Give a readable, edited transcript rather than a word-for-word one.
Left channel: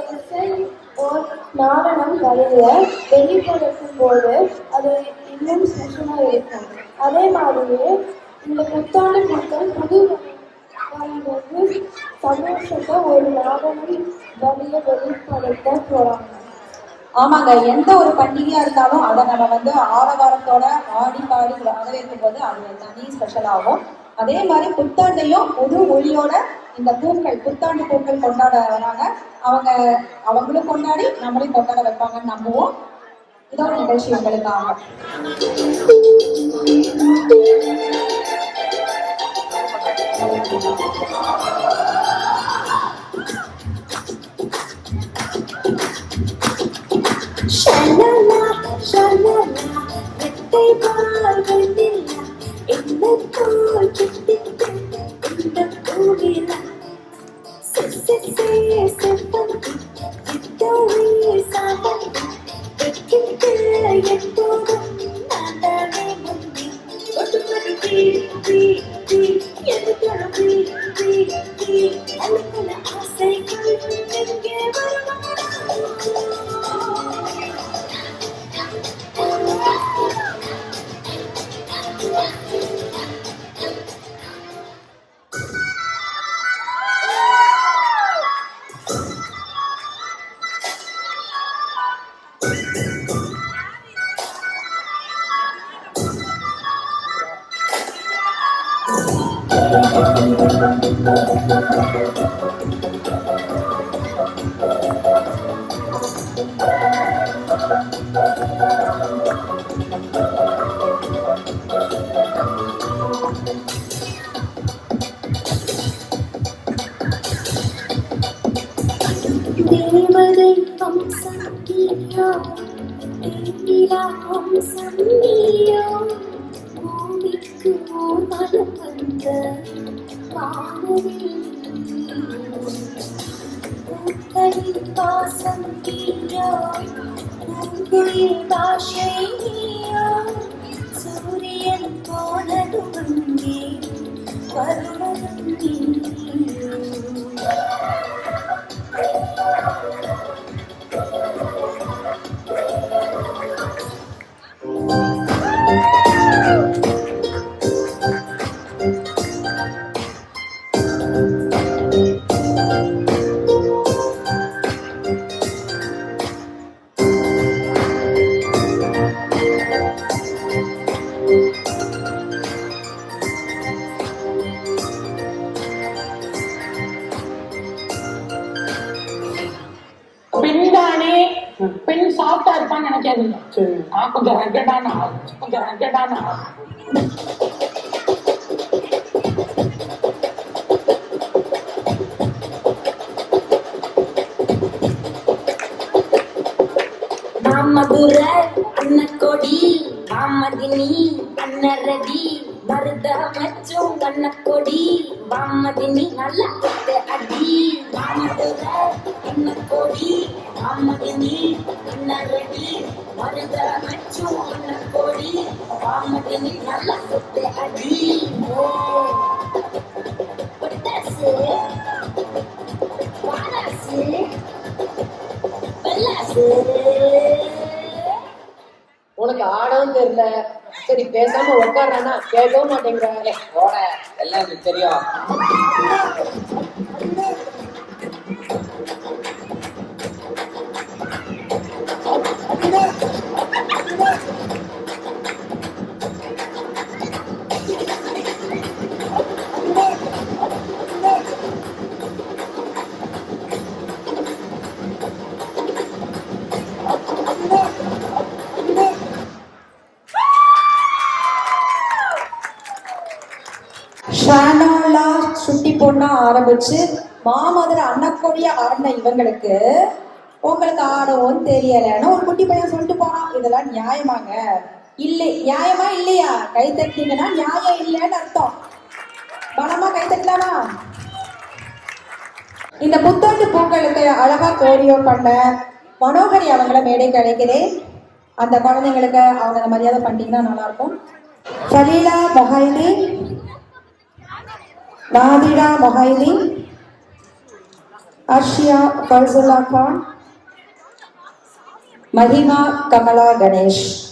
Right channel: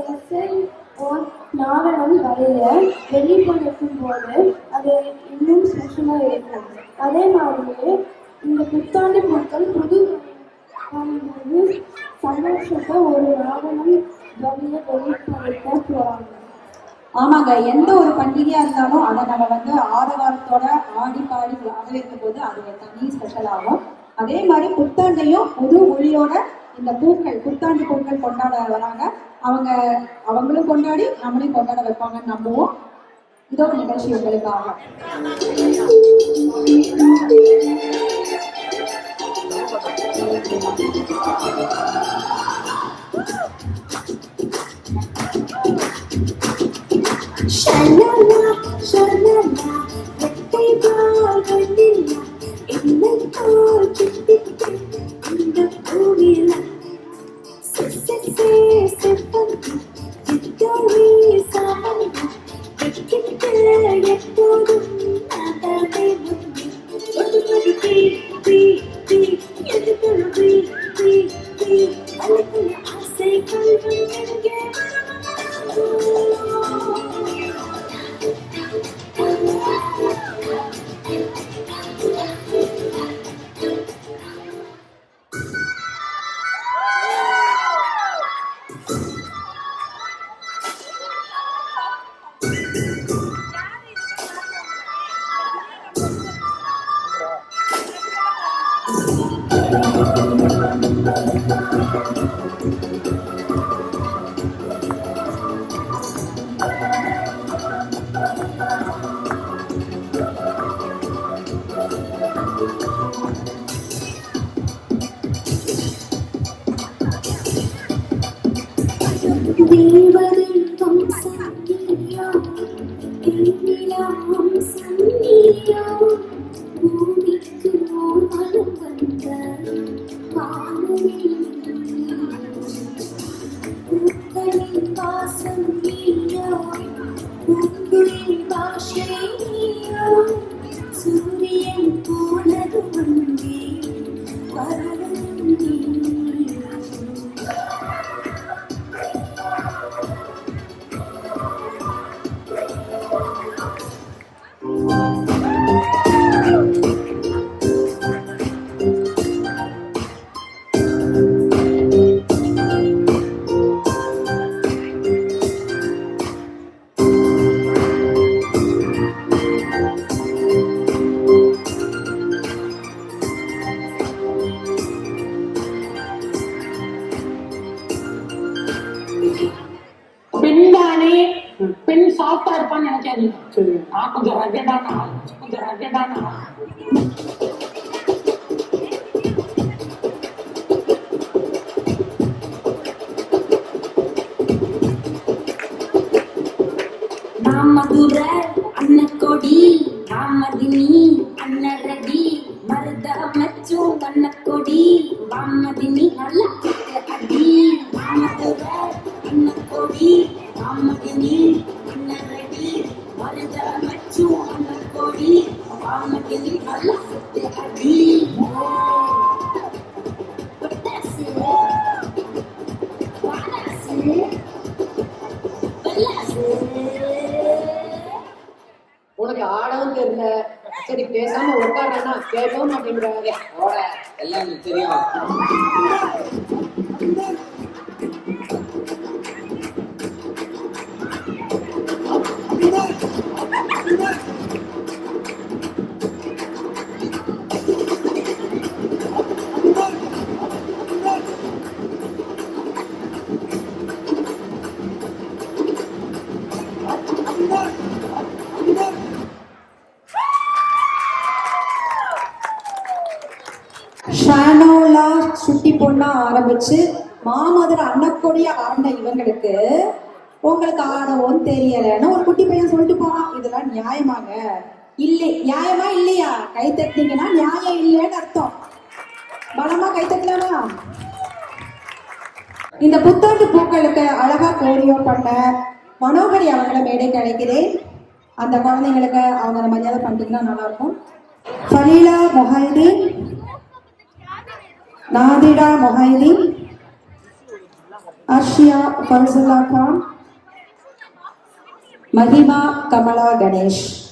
இசை ஓர் நாடகம் வரைய வெளிப்படுத்தும் போது அது இன்னும் சுஷமா இருக்கும். அதே மாதிரியே இந்த புத்தாண்டு மக்கள் புது வந்தது சந்தோஷத்தை ஒரு நாடகம் வழிய வெளிப்படுத்த போறாங்க. ஆமாங்க, எந்த ஒரு பண்டிகையா இருந்தாலும் அதை நம்ம ஆரவாரத்தோட ஆடி பாடி வரவேற்கும் போது அது தனி ஸ்பெஷல் ஆகும். அதே மாதிரி புத்தாண்டையும் புது ஒளியோட இந்த பூக்கள் புத்தாண்டு பூக்கள் கொண்டாட வராங்க. அவங்களும் கொண்டாடி நம்மளையும் கொண்டாட வைப்பாங்கன்னு நம்புவோம். இதோட நிகழ்ச்சி உங்களுக்காக. தேவதை வம்சம் நீயோ, தேனிலா வம்சம் நீயோ, பூமிக்கு ஓர்வலம் வந்த வானவில் பூக்களின் வாசம் நீயோ, பூங்குயில் பாஷை நீயோ, சூரியன் போனதும் அங்கே வருவதும் நீயோ. பெண் சாஃப்டா இருப்பான்னு நினைக்காதீங்க. நான் கொஞ்சம் ரகடான மதுர அன்னக்கொடி வாமதினி அன்னரடி மருத மச்சும் கண்ணக்கொடி வாமதினி நல்ல அடி மதுர அன்னக்கொடி வாமதினி அன்னரடி மருத மச்சும் கண்ணக்கொடி வாமதினி நல்ல அடி. பட்டாசு வாராசு பல்லாசு. உனக்கு ஆடவும் தெரியல, சரி பேசாம உட்காடுறா கேட்கவும் மாட்டேங்கிறாங்க. எல்லாம் எனக்கு தெரியும். சுட்டி பொண்ணா ஆரம்பிச்சு மாமதுர அன்னக்கொடிய ஆடின இவங்களுக்கு உங்களுக்கு ஆடவும் தெரியலன்னு ஒரு குட்டி பையன் சொல்லிட்டு போனான். இதெல்லாம் நியாயமாங்க? இல்லை, நியாயமா இல்லையா? கை தட்டிங்கன்னா நியாயம் இல்லைன்னு அர்த்தம். பலமா கை தட்டலாமா? இந்த புத்தாண்டு பூக்களுக்கு அழகா கோரியோ பண்ண மனோகரி அவங்கள மேடைக்கு அழைக்கிறேன். அந்த குழந்தைங்களுக்கு அவங்க மரியாதை பண்ணிட்டீங்கன்னா நல்லா இருக்கும். ஃபலீலா Mohideen, நாதிடா Mohideen, Arshia Farzullah Khan, Mahima Kamala Ganesh.